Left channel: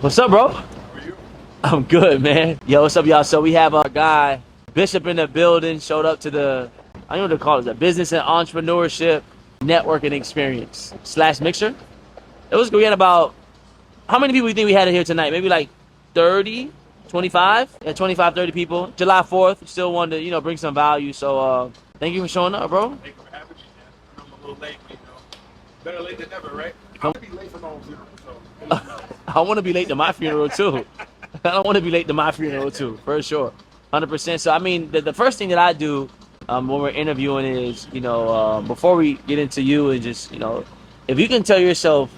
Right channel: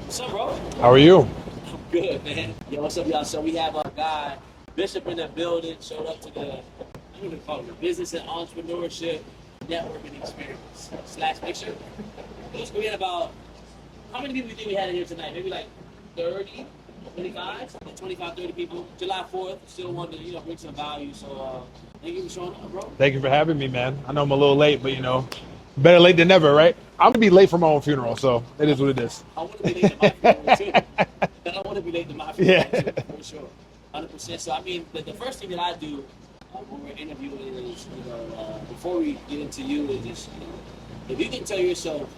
What's up, bro? How are you? I'm good, man. Yo, what's up, y'all? So we have our guy, Bishop, in the building, showed up to I don't know what to call it, the business and entrepreneurship networking experience / mixer. It was good. We had about, how many people do you think we had in here tonight? Maybe like 30, 25? Yeah, 25, 30 people. July 4th, still wanted to, bring some value. So thank you for showing up, bro. Thank you for having me, man. I know I'm a little late, but better late than never, right? I'm gonna be late for my own funeral, so it is what it is. I want to be late to my funeral too. I want to be late to my funeral too, for sure. 100%. So, I mean, the first thing that I do when we're interviewing is, before we get into you and just, if you can tell yourself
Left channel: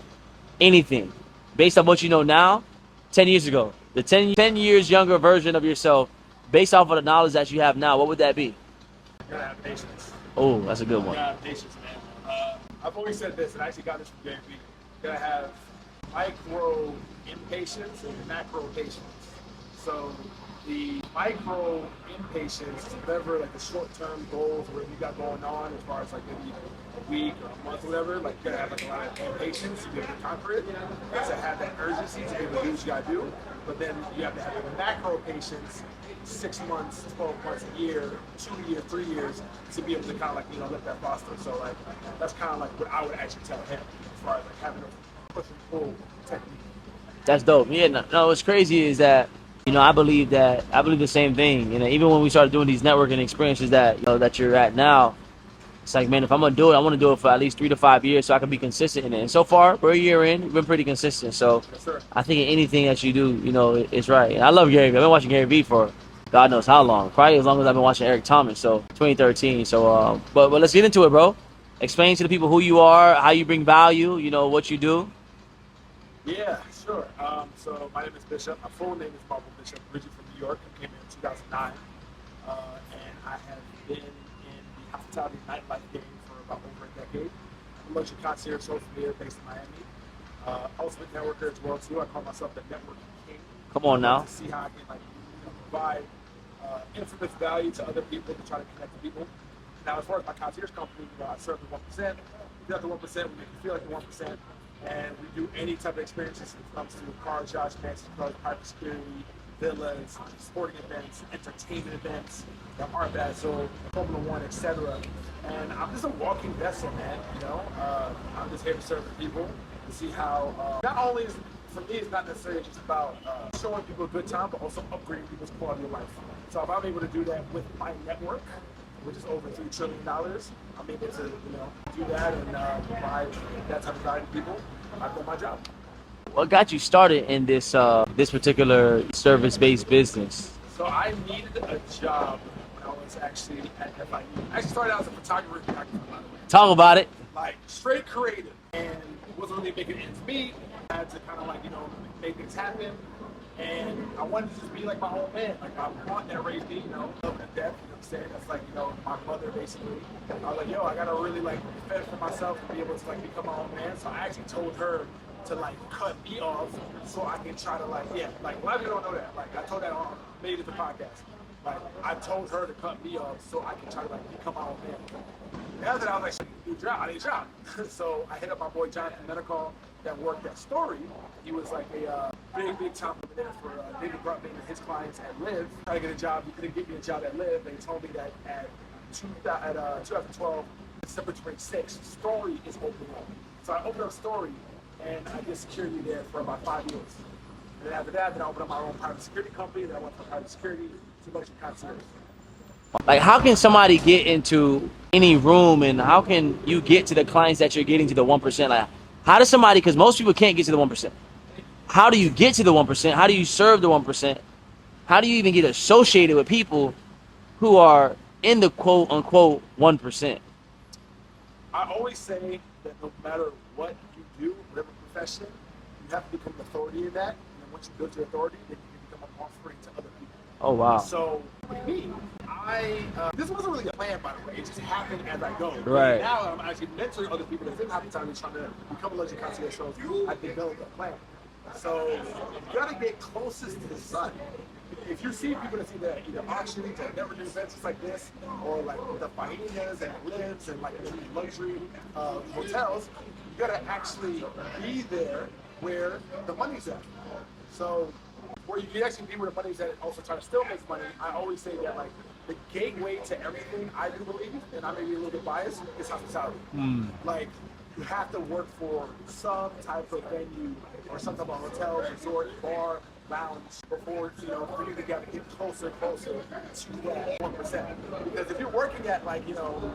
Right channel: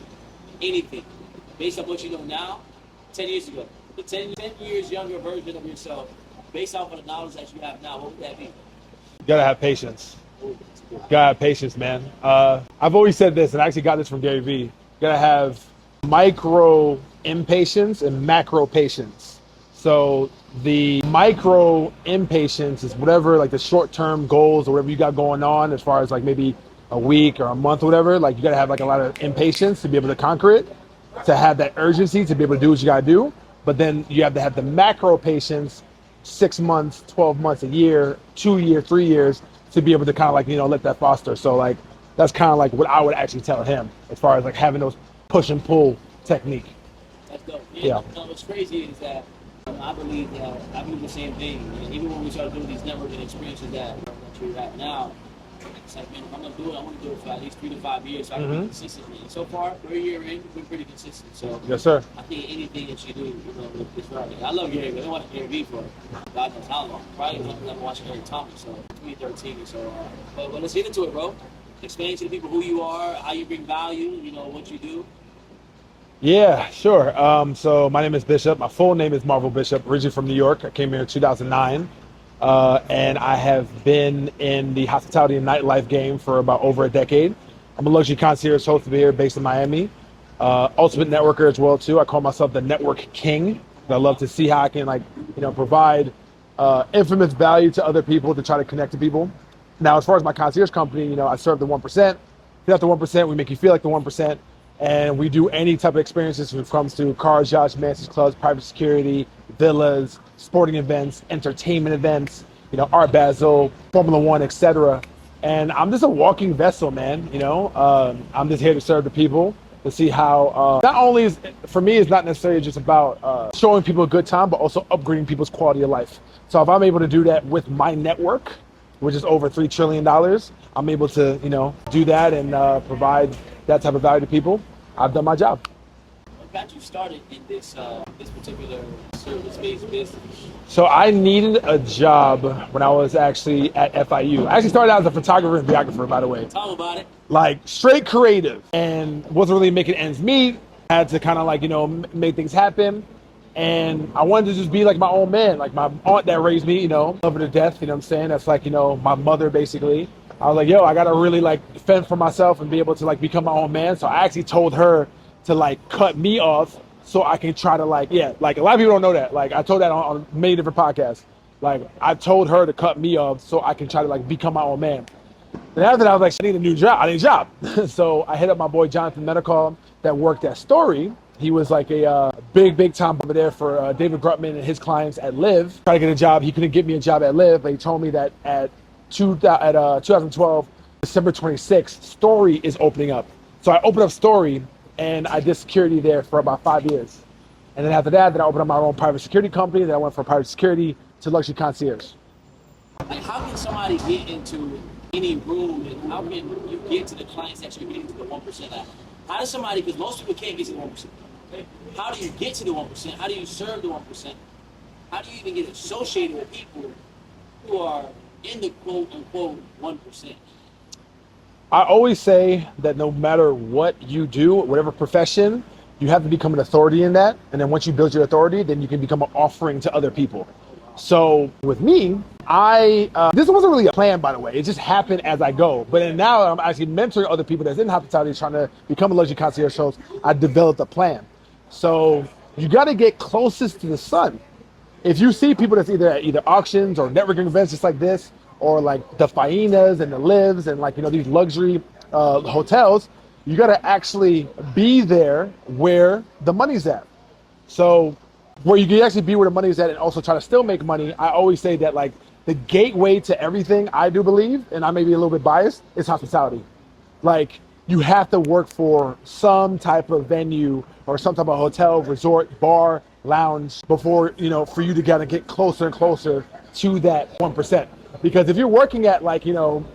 anything based on what you know now, 10 years ago, the 10 years younger version of yourself, based off of the knowledge that you have now, what would that be? You gotta have patience. Oh, that's a good one. You gotta have patience, man. I've always said this, and I actually got this from Gary Vee. You gotta have micro impatience and macro patience. So the micro impatience is whatever, like the short-term goals or whatever you got going on as far as like maybe a week or a month or whatever. Like you gotta have like a lot of impatience to be able to conquer it, to have that urgency to be able to do what you gotta do. But then you have to have the macro patience, 6 months, 12 months, a year, 2 years, 3 years, to be able to kind of like, let that foster. So like, that's kind of like what I would actually tell him as far as like having those push and pull technique. That's dope. Yeah. No, what's crazy is that, I believe the same thing. Even when we started doing these networking experiences that you're at now, it's like, man, if I'm going to do it, I want to do it for at least 3 to 5 years so I can be consistent in it. And so far, we're a year in, we've been pretty consistent. So yes, sir. I think anything that you do, it's right. And I love Gary Vee. I've been watching Gary Vee for God knows how long. Probably as long as I've been watching Eric Thomas, so 2013. So, but let's get into it, bro. Explain to the people who you are, how you bring value, what you do. Yeah, sure. So my name is Bishop. My full name is Marvel Bishop, originally from New York. I came here in 2009. And I have been in the hospitality and nightlife game for about over a decade. I'm a luxury concierge host over here based in Miami. Ultimate networker as well too. I call myself the network king. Come on, I love to see how I can provide infamous value to other people to try to connect to people. Now, as far as my concierge company, I serve the 1%. If you're not the 1%, we make you feel like the 1%. And we do any type of experiences when it comes to cars, yachts, mansions, clubs, private security, villas, sporting events, entertainment events, Art Basel, Formula One, etc. And I'm just a walking vessel, man. I'm just here to serve the people, to see how not only is, for me, it's not necessarily just about showing people a good time, but also upgrading people's quality of life. So if I'm able to do that with my network, which is over $3 trillion, I'm able to, do that and provide that type of value to people. I've done my job. What got you started in this particular service-based business? So I needed a job when I was actually at FIU. I actually started out as a photographer and videographer, by the way. Talk about it. Like straight creative, and wasn't really making ends meet. I had to kind of make things happen. And I wanted to just be like my own man, like my aunt that raised me, love her to death, you know what I'm saying? That's like, my mother basically. I was like, yo, I gotta really fend for myself and be able to become my own man. So I actually told her to cut me off so I can try to a lot of people don't know that. I told that on many different podcasts. I told her to cut me off so I can try to become my own man. And after that, I was like, I need a new job. I need a job. So I hit up my boy Jonathan Medicall that worked at Story. He was like a big time over there for David Grutman and his clients at Live. Trying to get a job. He couldn't get me a job at Live, but he told me that at 2012, December 26th, Story is opening up. So I opened up Story and I did security there for about 5 years. And then after that, I opened up my own private security company. Then I went from private security to luxury concierge. How can somebody get into any room, and how can you get to the clients that you're getting to the 1%? How does somebody, because most people can't get to the 1%. How do you get to the 1%? How do you serve the 1%? How do you even get associated with people who are in the quote unquote 1%? I always say that no matter what you do, whatever profession, you have to become an authority in that. And then once you build your authority, then you can become an offering to other people. Oh, wow. So with me, this wasn't really a plan, by the way. It just happened as I go. But Right. now I'm actually mentoring other people that's in hospitality trying to become a luxury concierge host. I developed a plan. So you got to get closest to the sun. If you see people that's either at auctions or networking events just like this, or the Fainas and the Lives and these luxury hotels, you got to actually be there where the money's at. So where you can actually be where the money is at and also try to still make money, I always say that like the gateway to everything, I do believe, and I may be a little bit biased, is hospitality. Like you have to work for some type of venue or some type of hotel, resort, bar, lounge before, you know, for you to kind of get closer and closer to that 1%. Because if you're working at like, you know,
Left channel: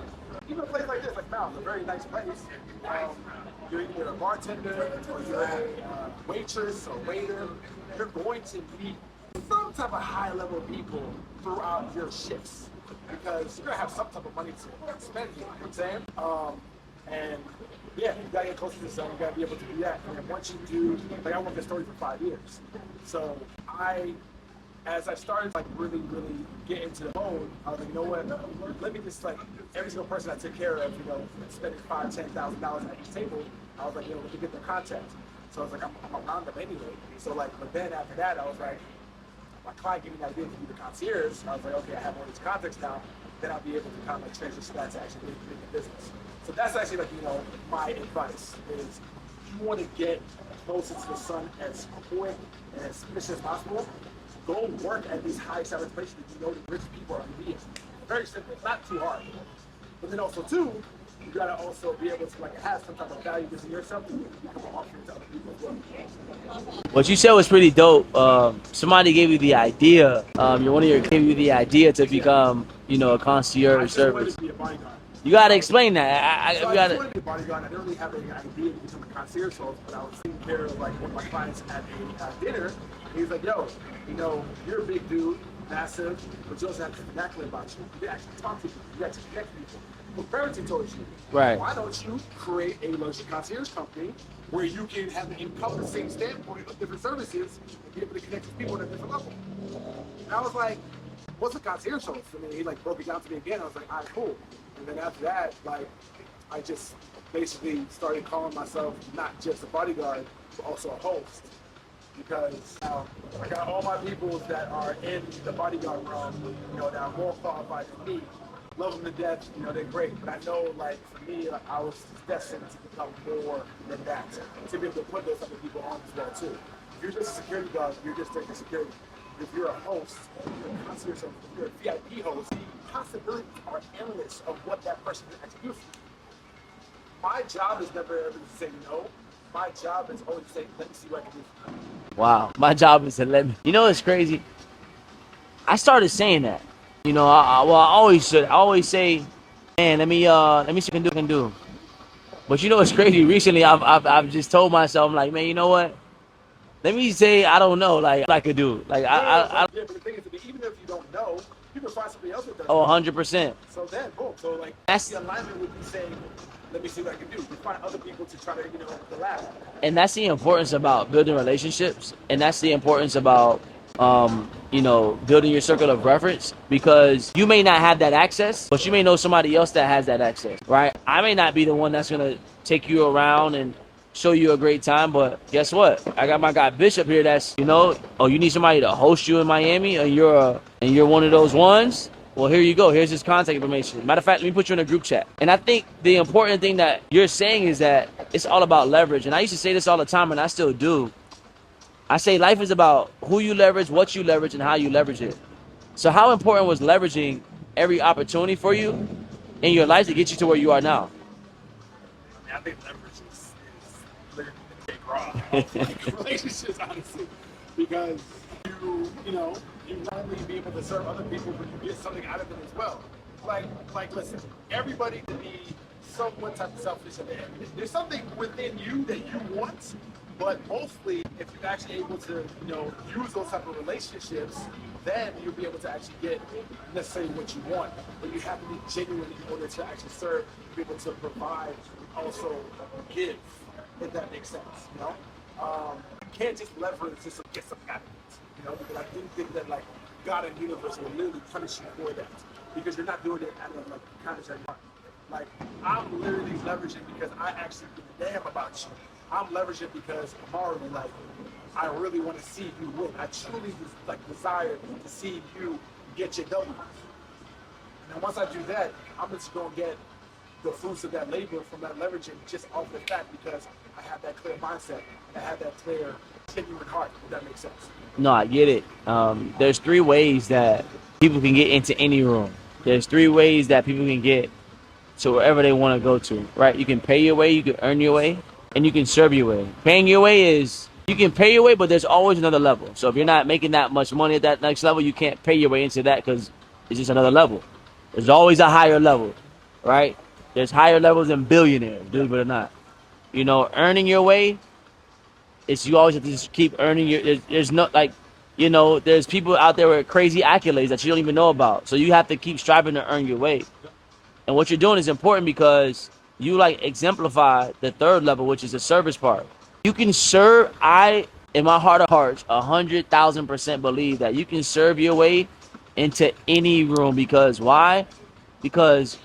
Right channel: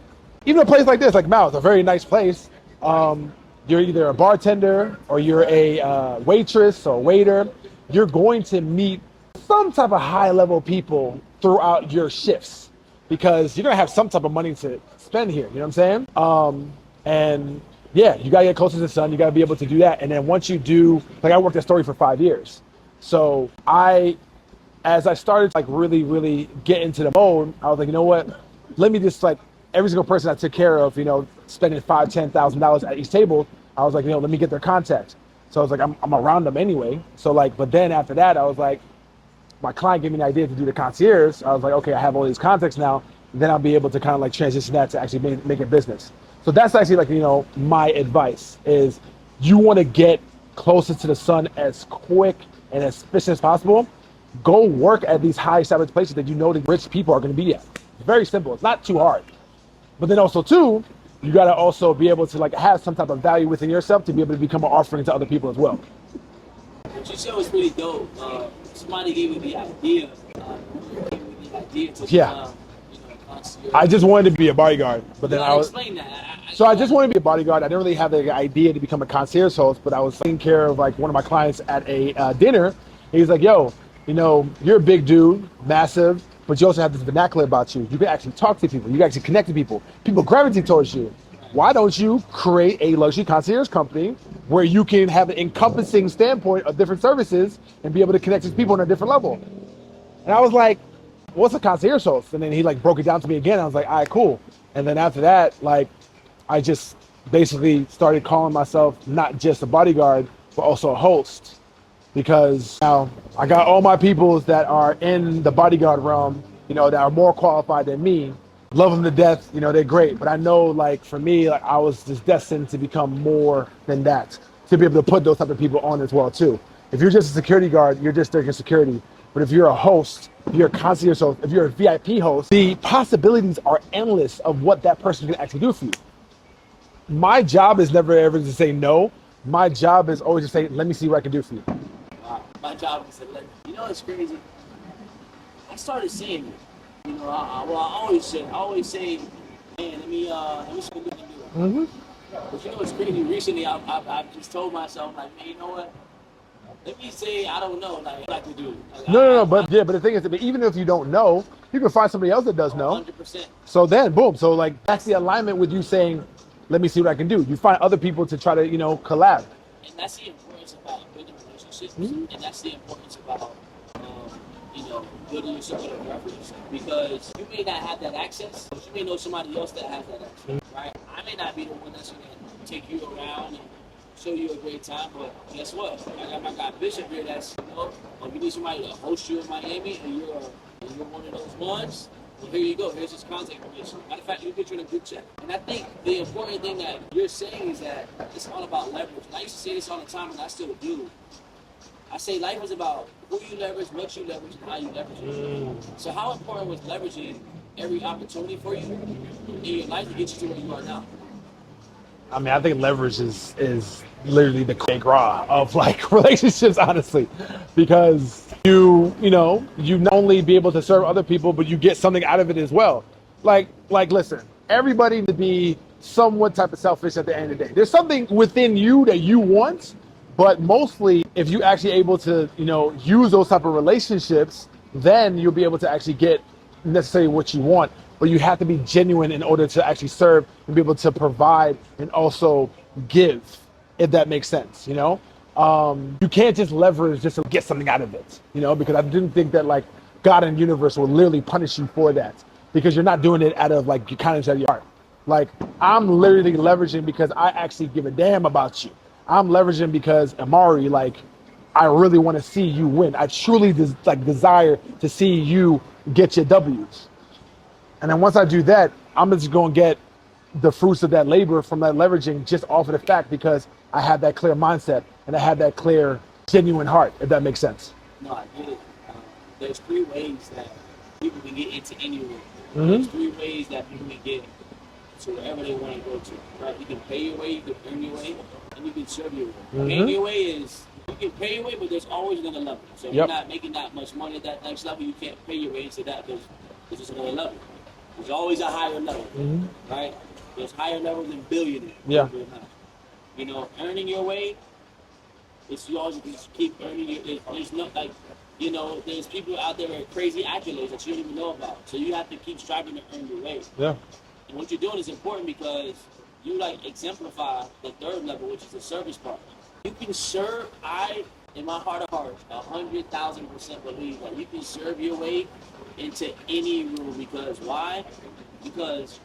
even a place like this, like Mal's, a very nice place, you're either a bartender or you're a waitress or waiter, you're going to meet some type of high level people throughout your shifts because you're gonna have some type of money to spend here, you know what I'm saying? And yeah, you gotta get closer to the sun, you gotta be able to do that. And then once you do, like I worked at Story for 5 years. So as I started like really get into the mode, I was like, you know what, let me just like, every single person I took care of, you know, spending $5,000-$10,000 at each table, I was like, you know, let me get their contact. So I was like, I'm around them anyway. So like, but then after that, I was like, my client gave me the idea to do the concierge. I was like, okay, I have all these contacts now. Then I'll be able to kind of like transition that to actually make it business. So that's actually like, you know, my advice is you want to get closer to the sun as quick and as efficient as possible. Go work at these high established places that you know the rich people are going to be at. It's very simple. It's not too hard. But then also too, you got to also be able to like have some type of value within yourself to be able to become an offering to other people as well. What you said was pretty dope. Somebody gave you the idea. One of your gave you the idea to become, you know, a concierge. I just wanted to be a bodyguard. You gotta explain that. I just wanted to be a bodyguard. I didn't really have the idea to become a concierge host, but I was taking care of like one of my clients at a dinner. He was like, "Yo, you know, you're a big dude, massive, but you also have this vernacular about you. You can actually talk to people. You can actually connect to people. People gravitate towards you. Right. Why don't you create a luxury concierge company where you can have an encompassing standpoint of different services and be able to connect to people on a different level?" And I was like, what's a concierge host? And then he like broke it down to me again. I was like, all right, cool. And then after that, like, I just basically started calling myself not just a bodyguard, but also a host. Because now I got all my people that are in the bodyguard realm, you know, that are more qualified than me. Love them to death, you know, they're great. But I know, like, for me, like, I was just destined to become more than that, to be able to put those type of people on as well, too. If you're just a security guard, you're just there for security. But if you're a host, if you're a concierge host, if you're a VIP host, the possibilities are endless of what that person can actually do for you. My job is never ever to say no. My job is always to say, let me see what I can do for you. Wow. My job is to let me. You know what's crazy? I started saying that. You know, I always should. I always say, man, let me see what I can do. Mm-hmm. But you know what's crazy? Recently, I've just told myself, I'm like, man, you know what? Let me say I don't know, like I could do. Like But the thing is, even if you don't know, you can find somebody else that does know. 100%. So then, boom. So like that's the alignment with you saying, let me see what I can do. You find other people to try to, you know, collab. And that's the importance about building relationships, and that's the importance about you know, building your circle of reference, because you may not have that access, but you may know somebody else that has that access, right? I may not be the one that's gonna take you around and show you a great time, but guess what? I got my guy Bishop here that's, you know, oh, you need somebody to host you in Miami, and you're one of those ones? Well, here you go. Here's his contact information. Matter of fact, let me put you in a group chat. And I think the important thing that you're saying is that it's all about leverage. And I used to say this all the time, and I still do. I say life is about who you leverage, what you leverage, and how you leverage it. So how important was leveraging every opportunity for you in your life to get you to where you are now? I mean, I think leverage is literally the gras of like relationships, honestly, because you not only be able to serve other people, but you get something out of it as well. Like listen, everybody to be somewhat type of selfish at the end of the day. There's something within you that you want, but mostly if you actually able to, you know, use those type of relationships, then you'll be able to actually get necessarily what you want. But you have to be genuine in order to actually serve and be able to provide and also give, if that makes sense, you know? You can't just leverage just to get something out of it, you know, because I didn't think that like God and the universe will literally punish you for that, because you're not doing it out of like your kindness of your heart. Like, I'm literally leveraging because I actually give a damn about you. I'm leveraging because, Amari, like, I really want to see you win. I truly desire to see you get your W's. And then once I do that, I'm just going to get the fruits of that labor from that leveraging just off of the fact because I have that clear mindset and I have that clear genuine heart, if that makes sense. No, I get it. There's 3 ways that people can get into any room. There's 3 ways that people can get to wherever they want to go to, right? You can pay your way, you can earn your way, and you can serve your way. Paying your way is, you can pay your way, but there's always another level. So if you're not making that much money at that next level, you can't pay your way into that because it's just another level. There's always a higher level, right? There's higher levels than billionaire, believe it or not. You know, earning your way, it's you always have to just keep earning your, there's no, like, you know, there's people out there with crazy accolades that you don't even know about. So you have to keep striving to earn your way. Yeah. And what you're doing is important because you like exemplify the 3rd level, which is the service part. You can serve, in my heart of hearts, 100,000% believe that you can serve your way into any room. Because why? Because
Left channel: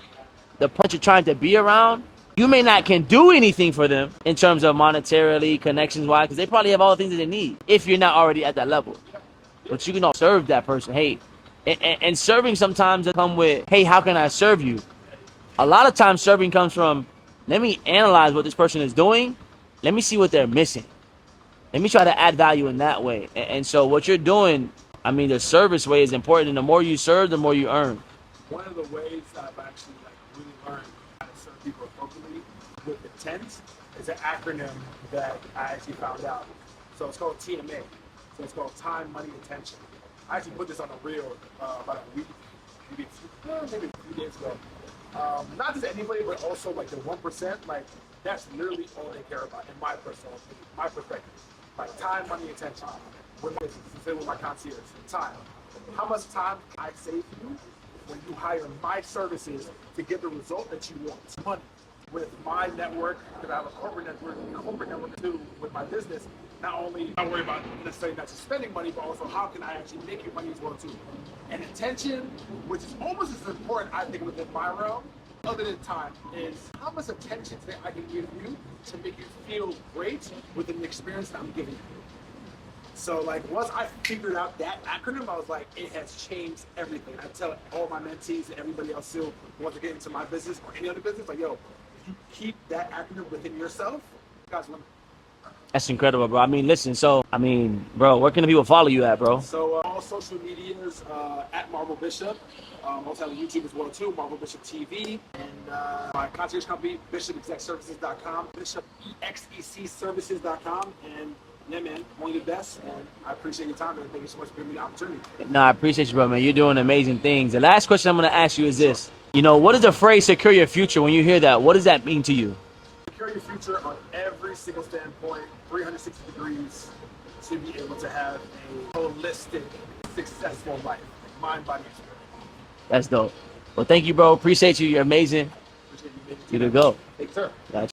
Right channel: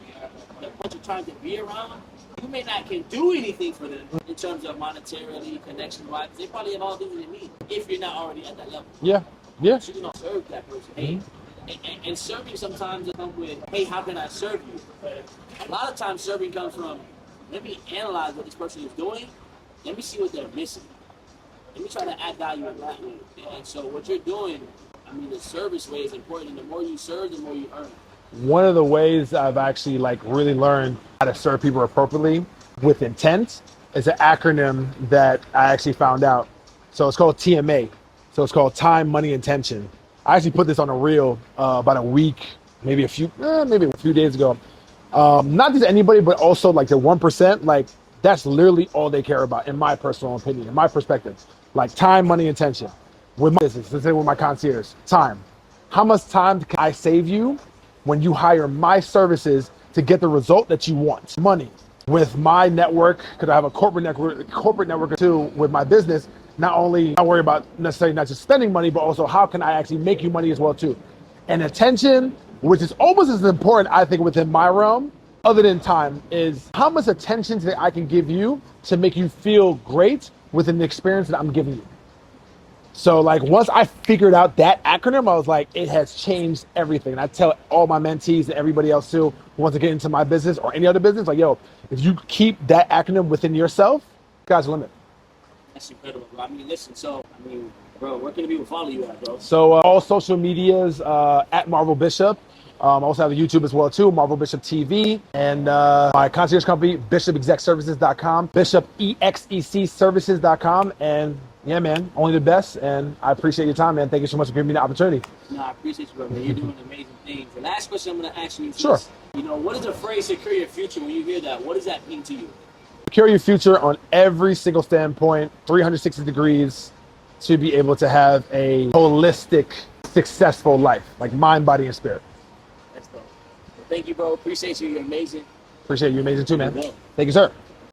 the person you're trying to be around, you may not can do anything for them in terms of monetarily, connections-wise, because they probably have all the things that they need if you're not already at that level. Yeah. But you can all serve that person. Hey, and serving sometimes come with, hey, how can I serve you? A lot of times serving comes from, let me analyze what this person is doing. Let me see what they're missing. Let me try to add value in that way. And so what you're doing, I mean, the service way is important. And the more you serve, the more you earn. One of the ways I've actually like really learned how to serve people appropriately with intent is an acronym that I actually found out. So it's called TMA. So it's called time, money, intention. I actually put this on a reel about a week, maybe a few days ago. Not just anybody, but also like the 1%, like that's literally all they care about, in my personal opinion, in my perspective. Like time, money, intention. With my business, let's say with my concierge, time. How much time can I save you when you hire my services to get the result that you want? Money. With my network, because I have a corporate network too with my business, not only I worry about necessarily not just spending money, but also how can I actually make you money as well too. And attention, which is almost as important, I think, within my realm, other than time, is how much attention that I can give you to make you feel great within the experience that I'm giving you. So like once I figured out that acronym, I was like, it has changed everything. And I tell all my mentees and everybody else too who wants to get into my business or any other business, like, yo, if you keep that acronym within yourself, sky's the limit. That's incredible, bro. I mean, listen, bro, where can the people follow you at, bro? So all social medias at Marvel Bishop. I also have a YouTube as well too, Marvel Bishop TV, and my concierge company, bishopexecservices.com, bishopexecservices.com, and yeah, man, only the best, and I appreciate your time, man. Thank you so much for giving me the opportunity. No, I appreciate you, bro, man. You're doing amazing things. The last question I'm going to ask you is this. You know, what is the phrase secure your future? When you hear that, what does that mean to you? Secure your future on every single standpoint, 360 degrees, to be able to have a holistic, successful life, like mind, body, and spirit. That's dope. Well, thank you, bro. Appreciate you. You're amazing. Appreciate you. Amazing too, man. Go. Thank you, sir. Gotcha.